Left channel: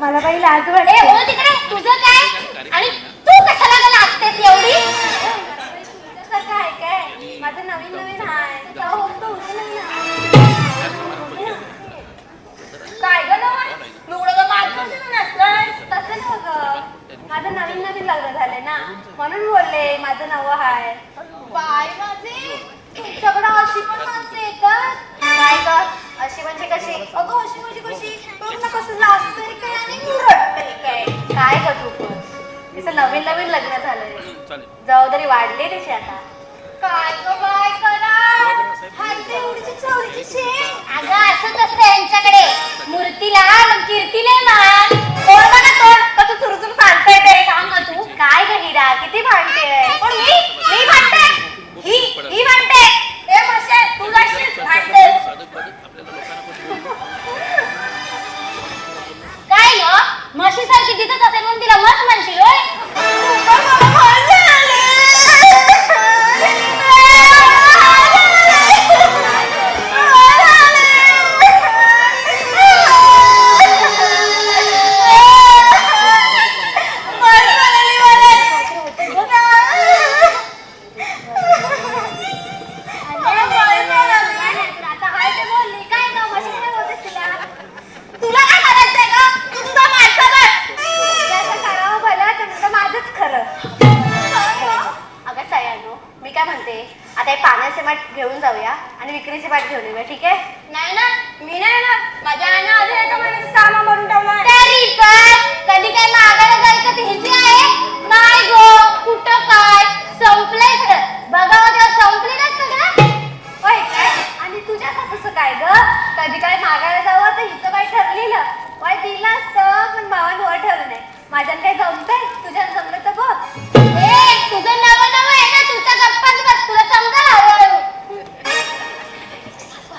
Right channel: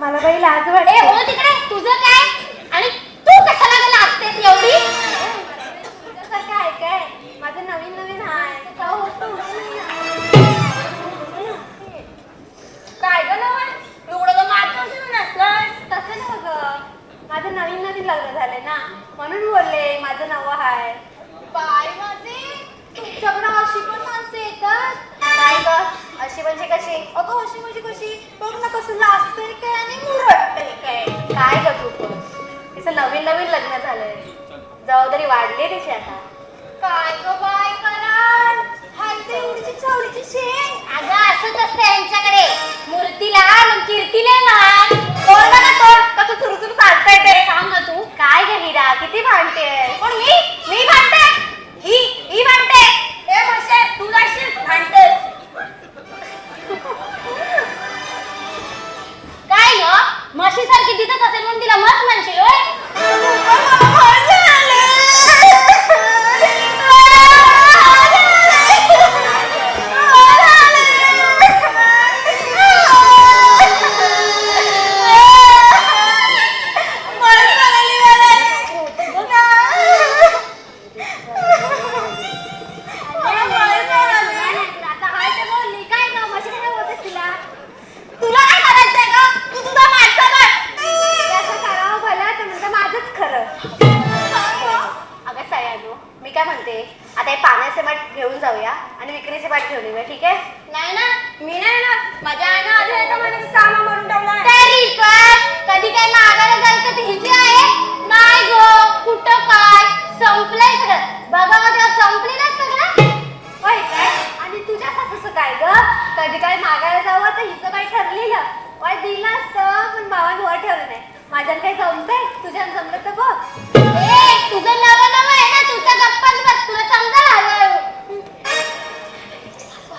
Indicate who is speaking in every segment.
Speaker 1: मला
Speaker 2: काही लाज वाटते
Speaker 1: ए, ओ तिकडे तुझं काय? आणि तू कशाला ग लाजतेस एवढी?
Speaker 2: तुझ्यासारखं आहे काय? माझं नवीन नवीन ना. काय तसं माझं नवीन नवीन लग्न झालंय ना. म्हणून बोलले माझं नवं आहे.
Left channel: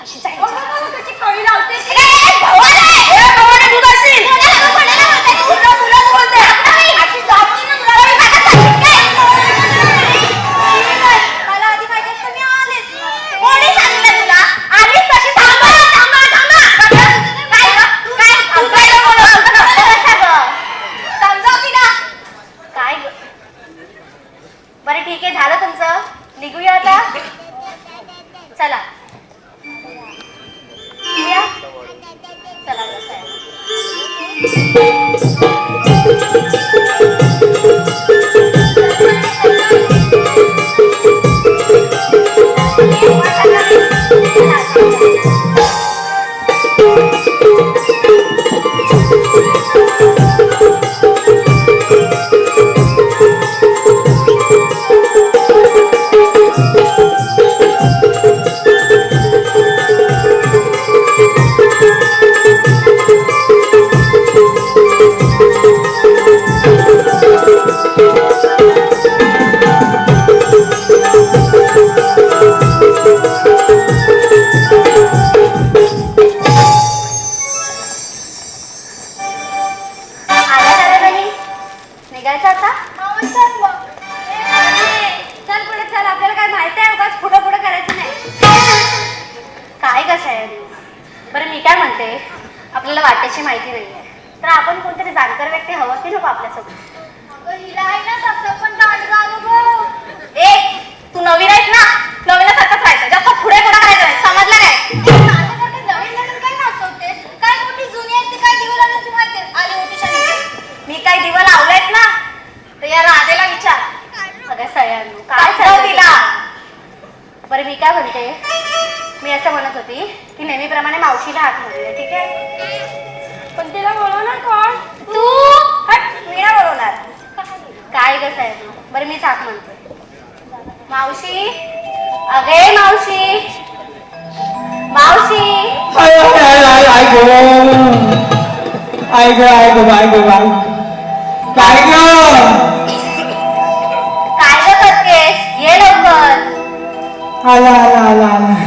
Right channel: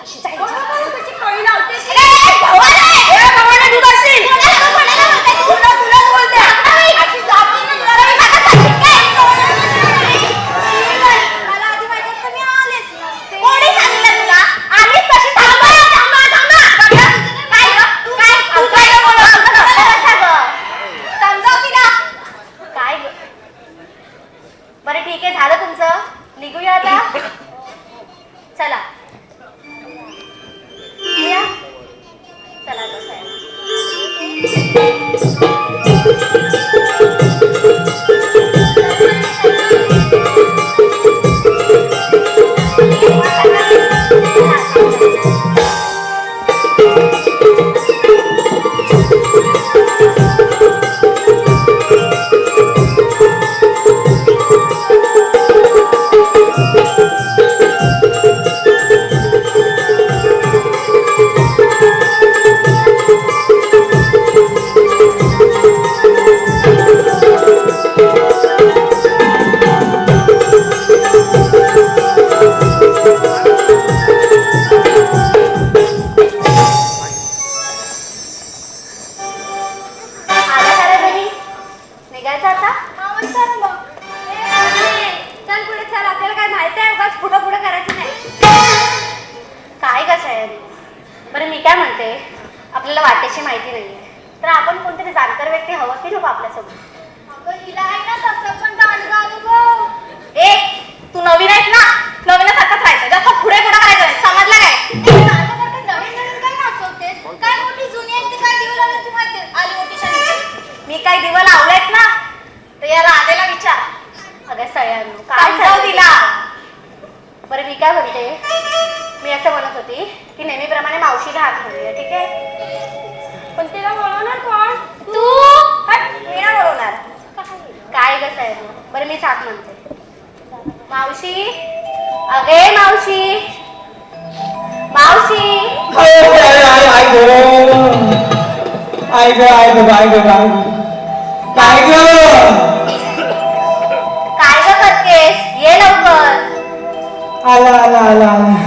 Speaker 2: 是谁 वाट्याची माहिती
Speaker 1: नाही आहे
Speaker 2: तर
Speaker 3: आपण कोणतरी जाणकार व्यक्ती हवं की नको आपल्यासोबत? बरं मी म्हणते. मावशी? अगे मावशी. मावशी?
Speaker 4: आय गो आय गो आय. गो आय काय ग?
Speaker 3: काय करतेस ये लवकर.
Speaker 4: आला आला आला आला.